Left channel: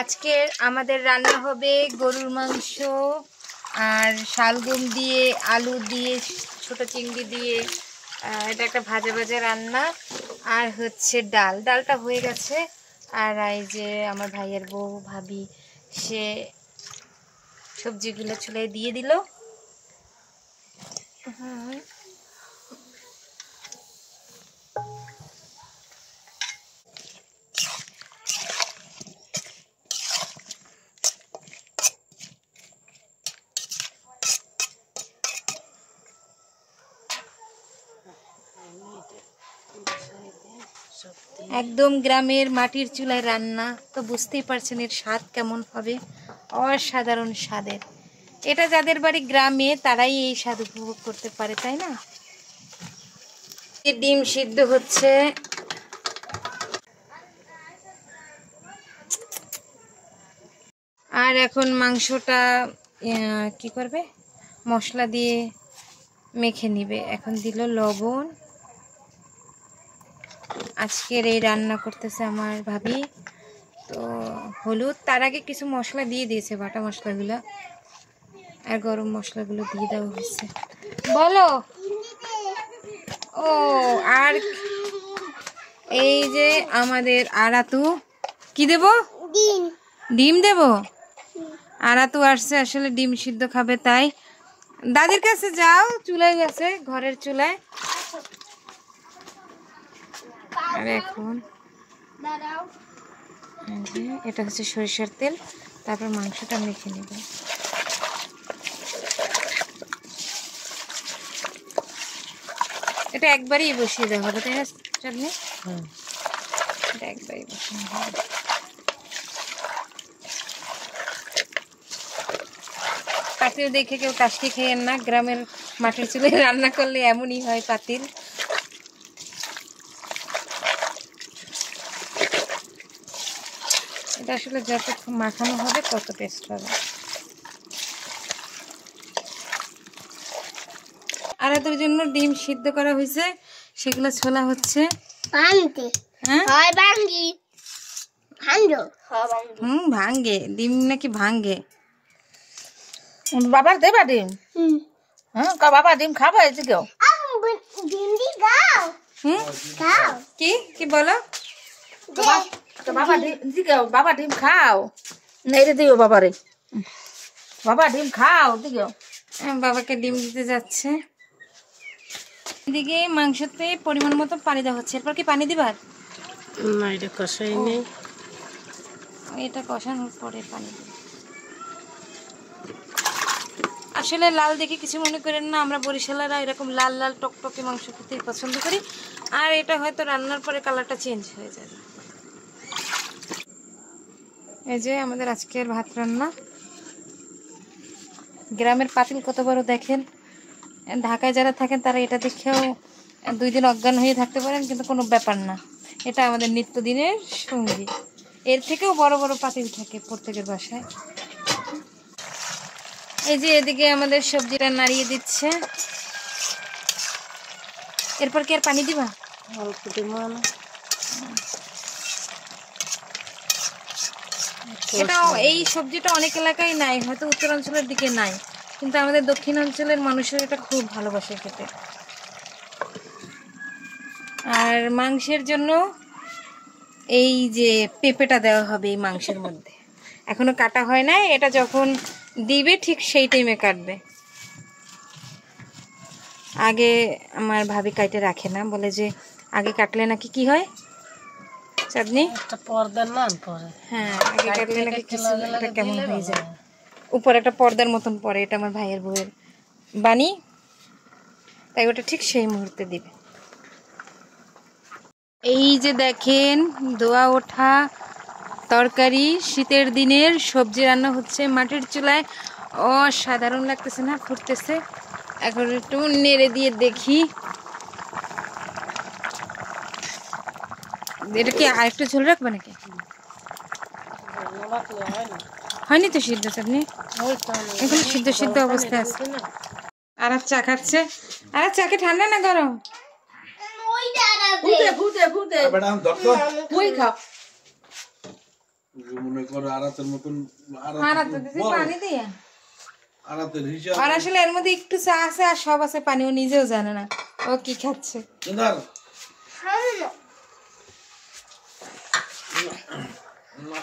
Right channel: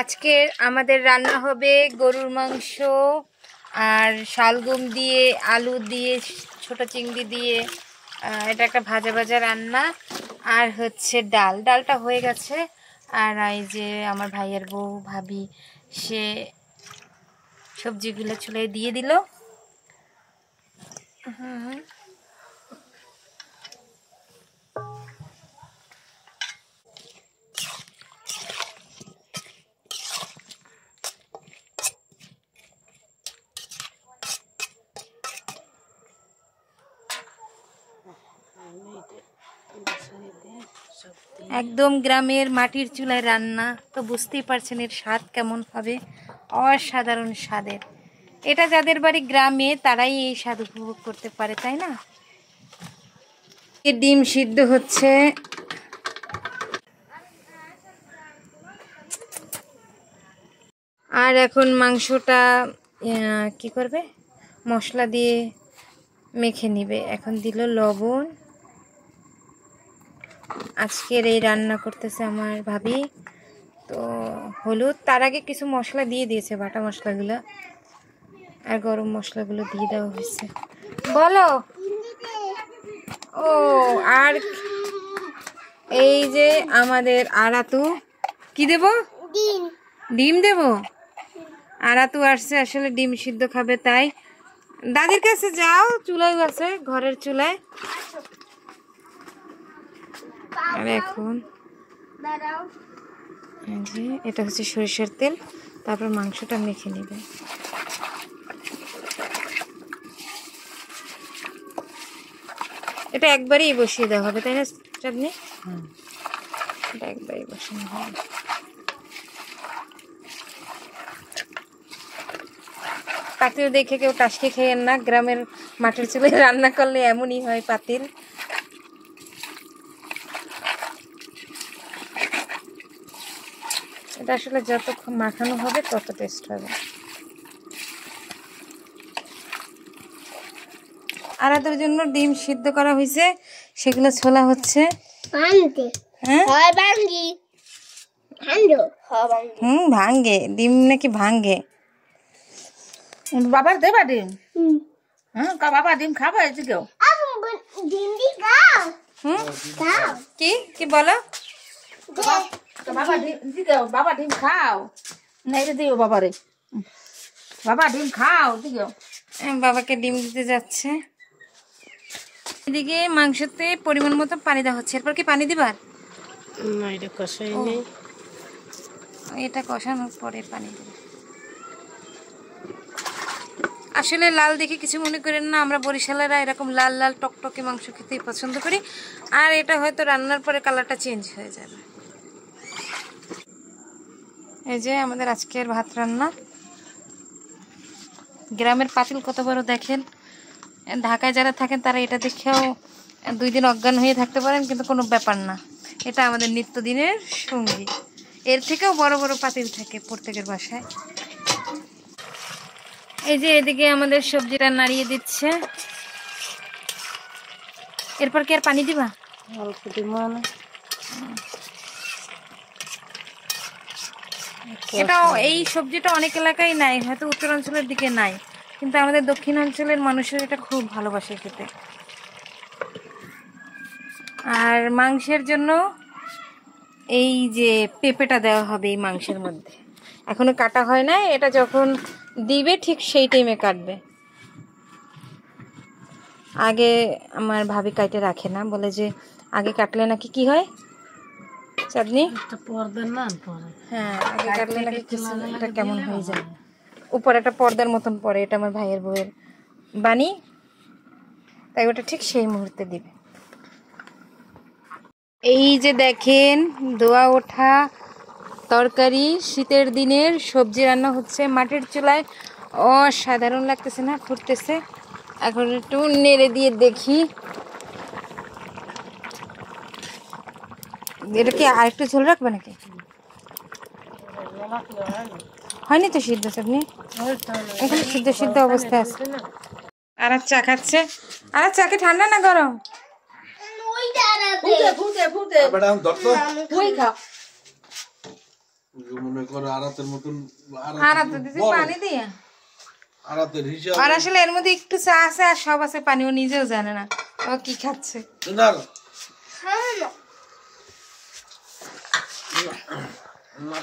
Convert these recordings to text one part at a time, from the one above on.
আজকে আমাদের রান্না হবে গরুর মাংস আর শালগম দিয়ে, আলু দিয়ে, ছোট চিংড়ি দিয়ে। এটা একটা ভাজা ভাজা রান্না। আর হচ্ছে ডালটা হয়ে গেছে। আর এই যে আমার ভাইয়ের বউ ভাবি সে সবজিগুলো চুলায় দিয়ে দিল। একদম গ্রামের মাটির চুলায় রান্না, তো বুঝতেই পারছেন এর স্বাদ কেমন হবে। অসাধারণ স্বাদের। এটা যাদের বাড়ি গ্রামে তারাই এই স্বাদ উপভোগ করতে পারে, তাই না? ডিম সিদ্ধ হচ্ছে। আর এখন মাংসটা কি করবে, মশলা দিয়ে মেখে নিবে। এখন দিল লবণ। আজকের এই রান্না করতেছে আমার ভাবি। তো হলুদ তার আগে কিছু মশলা দিয়ে দিয়েছে, বাটা মশলাগুলো আর গরম মশলাগুলো দিয়ে দেওয়া হয়েছে। বলো। ও আর এই যে আমাদের আরাতু, কি দেব? ডিম দেব। আরাতু আসছে আসলে ডিম সিদ্ধ খাবে, তাই দাদির কাছে যাও, চুলায় গেছে, ঘরের চুলায়। আর এখন এটা হচ্ছে সরিষার তেল, তারপর মাংসটা মেখে নেবে। এটা একবারই বসিয়ে দেওয়া হবে, তাই না চাটনি? এটা একবারই বসিয়ে দেওয়া হবে। পাতিল দেখে কেউ টাসকি খেয়েন না, গ্রামের মাটির চুলায় রান্না করলে এমনই হয় পাতিল। এটা আসলে যত মাখানো হবে তত টেস্ট হবে। আর এদের জন্য ডিম সিদ্ধ করা হয়েছে, সেগুলো ছোলা হচ্ছে। ভাঙ্গে ডিম নাকি ভাঙ্গে? বাবার দেবা ডিম? বাবা ডিম খাবে কেউ? কি কি বলো? বাবা ডিম খাও, নেড়ে দিও বাবারে। বাবা ডিম খাও দিও। বাবাকে ডিম দিতে যাচ্ছে। এদিকে মাংসতে পরিমাণ মতো পানি দেওয়া হচ্ছে। এরপর কি পানি দিবার? না, এটা কষাই নেই, এটা কষানোর পরে পানি দেব। আসলে লাল দেখে কিছু মনে করেন না, আমরা বরিশালেরা এরকম লাল লাল টকটকে মাংস খেতেই পছন্দ করি। আর এটা হয়তো রান্নার পরে কালারটা চেঞ্জ হয়ে যাবে। এই যে আমাদের আজকের ভাত রান্না। গ্রামের পাতিল কত বড় দেখেন। ঢাকায় যারা থাকেন তারা এটা দেখেও 2 দিন অজ্ঞান হয়ে থাকতে পারেন, কিন্তু কোনো ব্যাপার না। এটা আমাদের নিত্যদিনের সঙ্গী। এর থেকেও বড় বড় পাতিল থাকে প্রত্যেকের বাসায়। এই যে এদিকে আমাদের সবজিটা নাড়িয়ে দিচ্ছে। এরপর কি আর পানি দিবা? অল্প দিব না। এটা এই সবজিটা অনেক এলাকায় নাই, হয়তো উত্তরাঞ্চলের দিকে নাই, কিন্তু আমাদের দক্ষিণাঞ্চলের মানুষের এটা খুব ভালোবাসে খেতে। আর মাংসের জন্য এই যে পেঁপেটা দেওয়া হবে এই মাংসের মধ্যে, এখনো কাটা হয় না। এটা যখন দিবে ঠিক সেই টাইমে কাটবে। আগে আমার ভাবি কাটে রাখে না, বলে যে আগে কাটলে নাকি কি হয় চাঁদনি? হ্যাঁ, আগে কাটলে নাকি কিছু একটা কেমন হয়ে যায়, উপর একটা পর্দার মতন পড়ে। এটা আমার ভাইয়ের বউয়ের বাণী, তাই ওটা ঠিক সেই মুহূর্তে দিবে। এই যে দেখেন ধোয়া ওঠা তরকারি, শীতের দিনের সবজি রান্না হচ্ছে মাটির চুলায়। অসাধারণ লাগতেছে না? ফুটতেছে। এখন একটু নেড়ে দিয়ে দেখি, এটা কি আর একটু ঝোল রাখবে নাকি? হয়নি তো সিদ্ধ চাটনি, এখন সিদ্ধ সিদ্ধ অবস্থায় আছে। আর চা খাচ্ছে। আর চাকে ঠান্ডা না গরম? মনে করো আরাতের মতন আরাতে দিছি পানি দিয়া। আরাতের হিসাব আর আসলে এর মধ্যে একটু চা আছে আর সব আছে পানি, ও নিজেও জানে না ও কি খাচ্ছে। না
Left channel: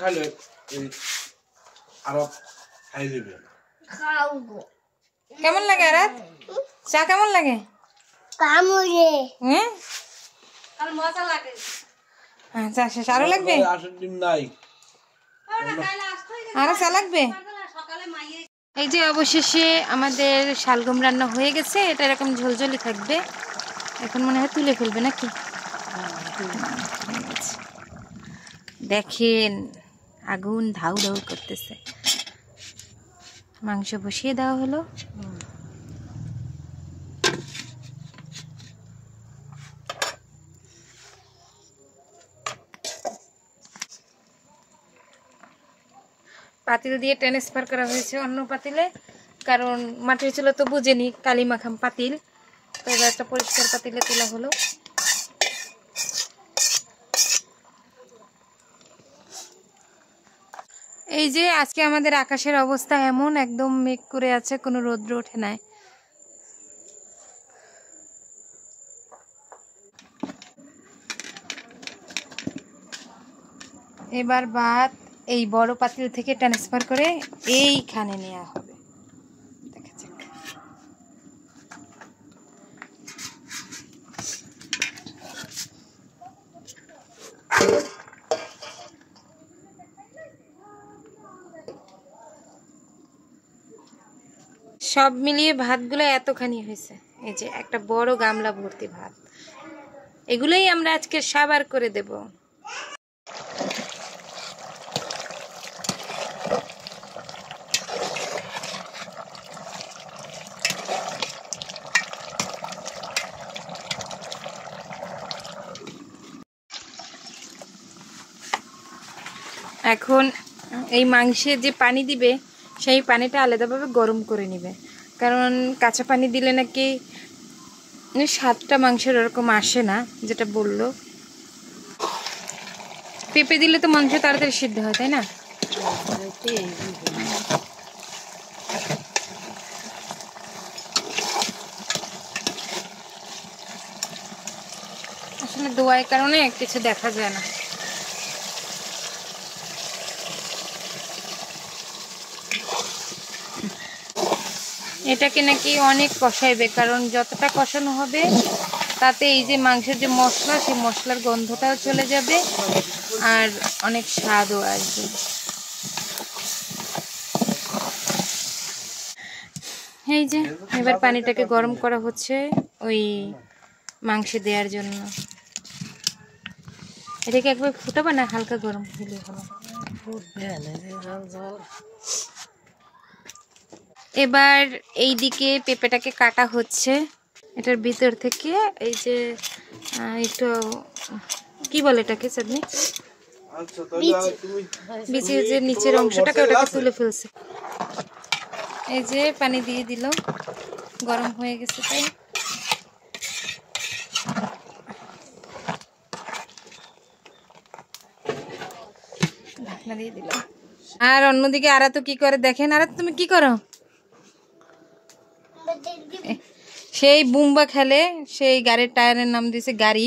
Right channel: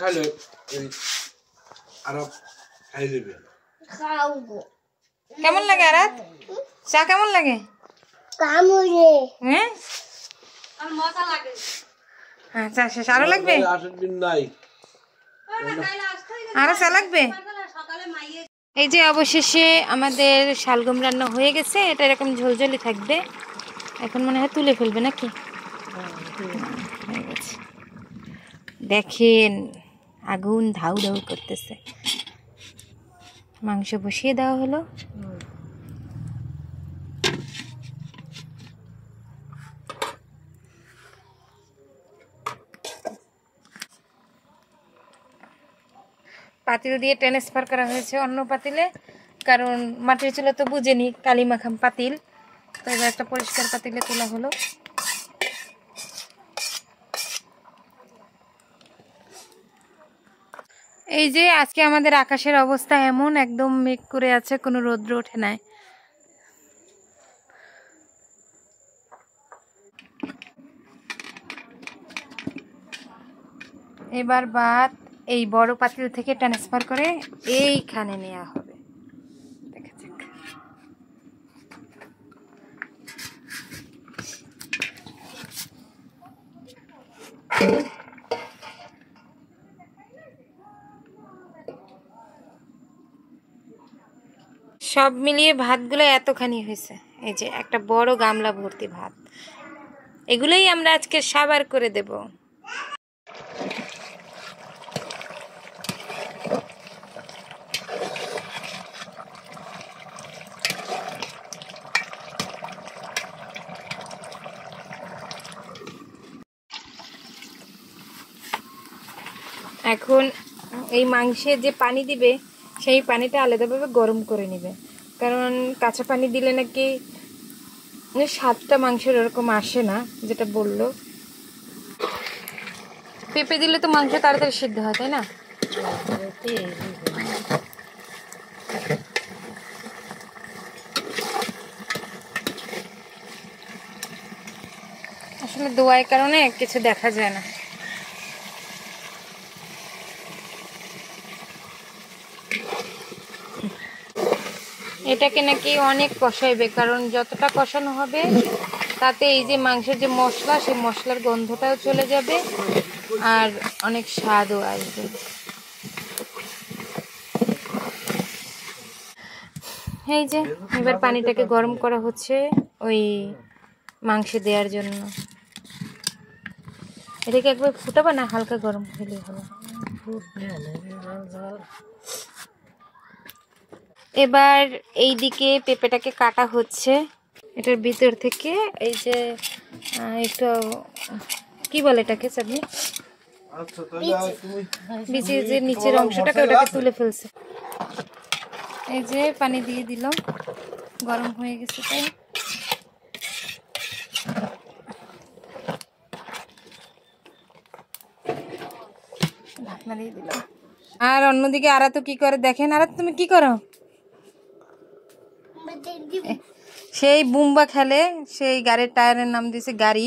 খাইলে আরো খাই দেবে। কেমন লাগে আরাত? চা কেমন লাগে? হ্যাঁ আচ্ছা শেষ, আরো লাগবে? আসের দিন নাই, আরো চা লাগবে? এই যে অবশেষে আমাদের শালগম রান্না হয়ে গেছে। এটা এরকম ঝোলঝোলি থাকবে। এখন মনে হয় তুলে ফেলবে নাকি? হয়ে গেছে। দেখেন আগুন ধাউ ধাউ করতেছে। মাংস বসিয়ে দেওয়া হলো। পাতিল দিয়ে ট্রান্সফার করা হয়েছে অন্য পাতিলে, কারণ মাটির চুলা তো বুঝেনি কালি মাখাম পাতিল, তো এবার একটা পরিষ্কার পাতিলে তোলা হলো। এই যে আজকে আমাদের আকাশের অবস্থা এমন, একদম মেঘ করে আছে, কোনো রৌদ্র ওঠে নাই। এবার ভাত এই বড় পাতিল থেকে ট্রান্সফার করে এইখানে নেওয়া হবে। দেখা যাক। সব মিলিয়ে ভাতগুলো এতখানি হয়েছে। এই যে একটা বড় গামলা ভর্তি ভাত, এগুলোই আমরা আজকে সাবার করে দেব। এখন এই মাংসে যে পানি দিবে সেই পানিটা আলাদাভাবে গরম করে নেবে, কারণ কাঁচা পানি দিলে নাকি স্বাদটা মাংসের ওরকম আসে না, যেটা বললো। পেঁপে দিলে তো মাংস তাড়াতাড়ি সিদ্ধ হয়, তাই না? আসলে দোয়ার কারণে কিছু দেখা যায় না। এটাকে নাকি অনেক কষাইবে, কারণ যতটা কষানো হবে তাতে এই যে মাংসের যে মশলা, সেই মশলার গন্ধটাও চলে যাবে আর অনেক স্বাদও আসবে। এই যে এবার পানিটাকে গরম করা হচ্ছে ওই মাংসে দেওয়ার জন্য। এটাকে একবার ফুটাবা না, হালকা গরম হলে হলো। এবার এই দিকে পেঁপেটাকে কাটা হচ্ছে। এটার ভিতর থেকে এই যে একটু কি বলে এটাকে চাটনি, বিচির যে নিচের অংশটাকে ওটাকে তুলে ফেলছে। এই যে পানি দিয়ে দিল, গরম হয়ে গেছে তাই। ঢাকনা দিয়ে দিল। আর অন্যদিকে আরা তো কি করে দেখেন। আরা তুমি কি করো? সেই বুম্বা খেলে, সেই গাড়ির টায়ারের নাম দিয়েছে গাড়ি,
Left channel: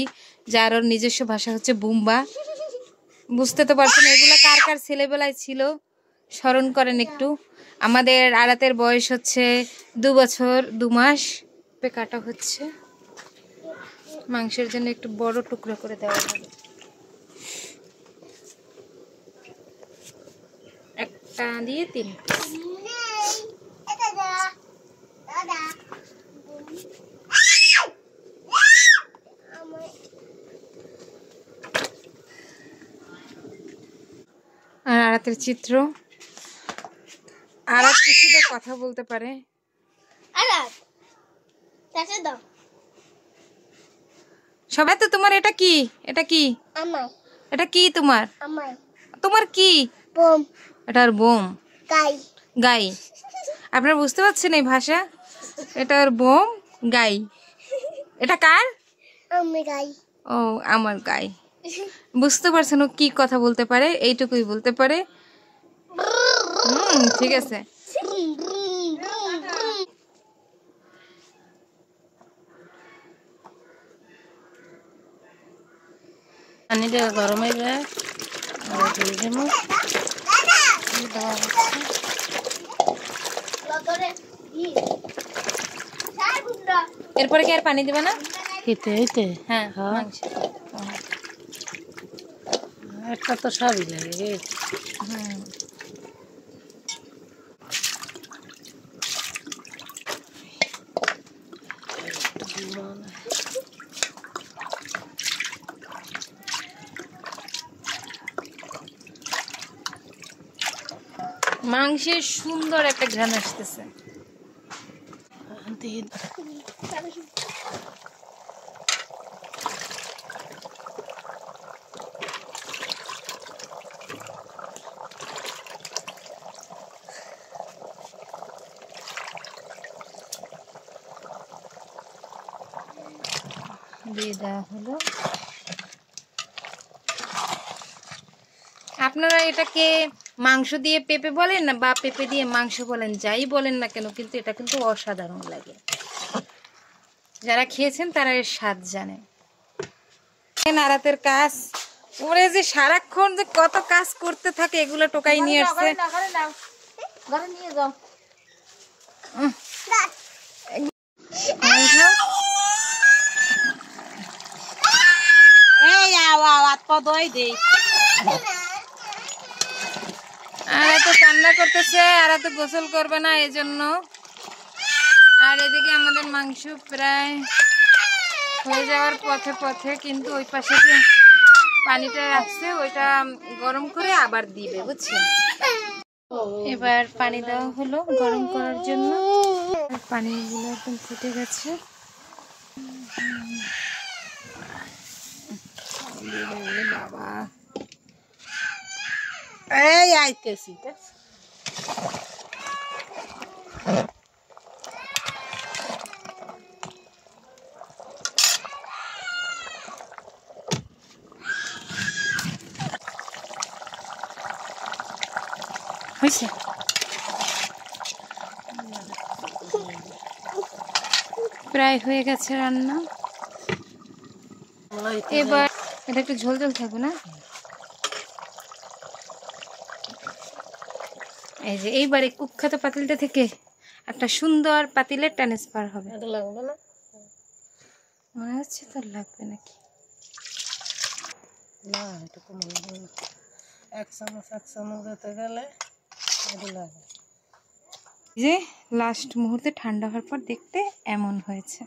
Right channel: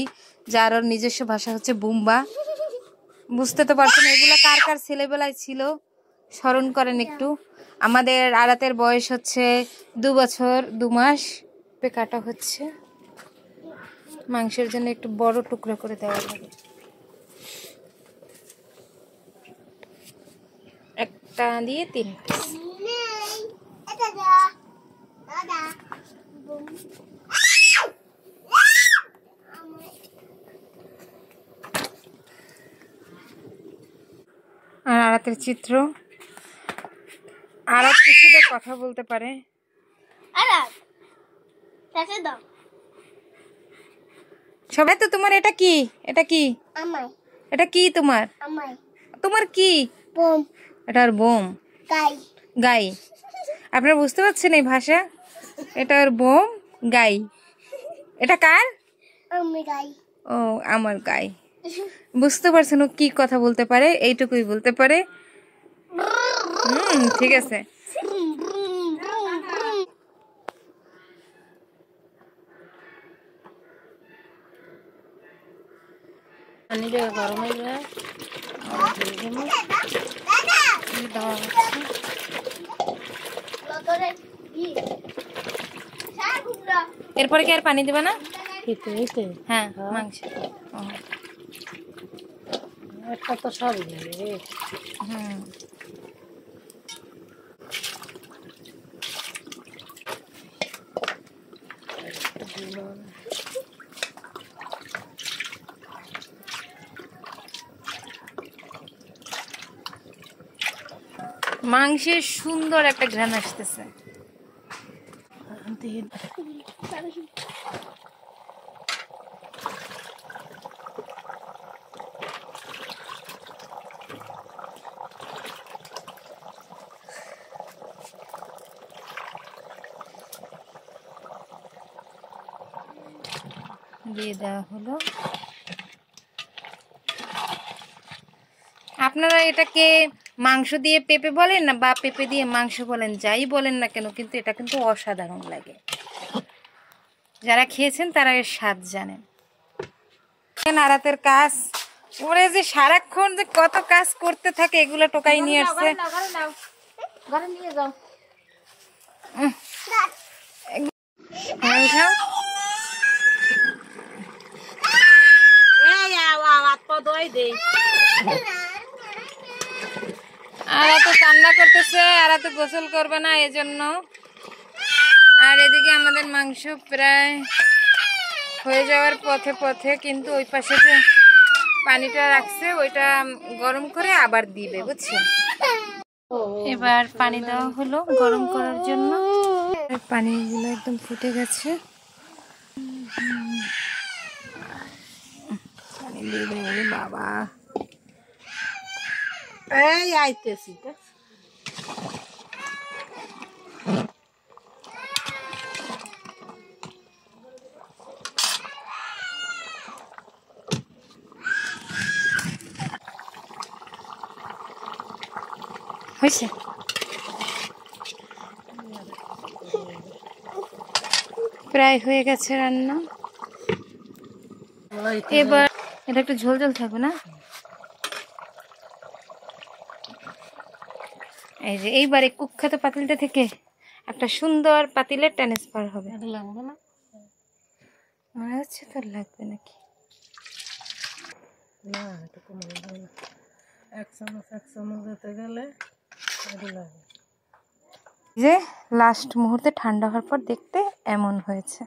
যার ওর নিজস্ব ভাষা হচ্ছে বুম্বা। বুঝতে তো পারছেন এগুলো কার কার ছেলেবেলায় ছিল, স্মরণ করেন একটু। আমাদের আরাতের বয়স হচ্ছে 2 বছর 2 মাস। কাটা হচ্ছে মাংসের জন্য, একটু বড় টুকরো করে দেওয়া হবে। একটা দিয়ে 3 পিস। আর আরাতের চিত্র, আরাত কিছুটা কথা বলতে পারে। সবাই তো তোমার এটা কি, এটা কি, এটা কি তোমার, তোমার কি? এটা আর বোম, গাই। আপনারা বুঝতে পারছেন এই ভাষা? এটা আর বোম, গাই। এটা কার? ও আমার গাই। বুঝতে পারছেন ও কি কথা বলতে পারে, এইটুকুই বলতে পারে। ঠিক আছে। পানি দিয়ে গরম হয়ে যায় দেওয়া হচ্ছে। এরপরে কি আর পানি দিবে না? খেতে হইতে হ্যাঁ, মাংস। একটা তো সবই লাগে। হুম, মাংসের সুন্দর একটা ঘ্রাণ আসতেছে। দিয়ে দেওয়া হলো। আপনারা এটাকে মাংস দিয়ে পেঁপে বলেন না, বা পেঁপে দিয়ে মাংস বলেন, যাই বলেন না কেন, কিন্তু এটা কিন্তু অসাধারণ লাগে। যারা খেয়েছেন তারা এর স্বাদ জানেন। আরাতের কাজ, ওরে যে সারাক্ষণ যে কত কাজ করতে থাকে, এগুলো টোকাই নিয়ে আসছে। ঘরে নিয়ে যাও। আর তো কান্না করতেছে, আর তো গোসল করবে না এজন্য। আর এদিকে আমাদের মাংস প্রায় হয়ে যাওয়ার পথে পথে, কিন্তু ওই পাশে যে পানিটা রাখছে ওইটা গরম করে আবার দিবে, বুঝছেন। এবার পানি দেওয়া হলো গরম করার জন্য। পানিগুলো একদম ফুটে গেছে। বাবা, এই আইতেছি। হয়েছে। প্রায় হয়ে গেছে রান্না। এবার এটা একটু ঝোল ঝোল থাকবে না? এই যে এইবারে কুখ্যাত পাতিলটা থেকে একটা সুন্দর পাতিলে ট্রান্সফার হবে। লাগবে না, মনে হচ্ছে তোর লাগবে নাকি। না এটুকু এক চামচ দিতে গেলে লাগে। যে লাস্ট মুহূর্তে ঠান্ডা হওয়ার পর দেখতে এমন হয়েছে।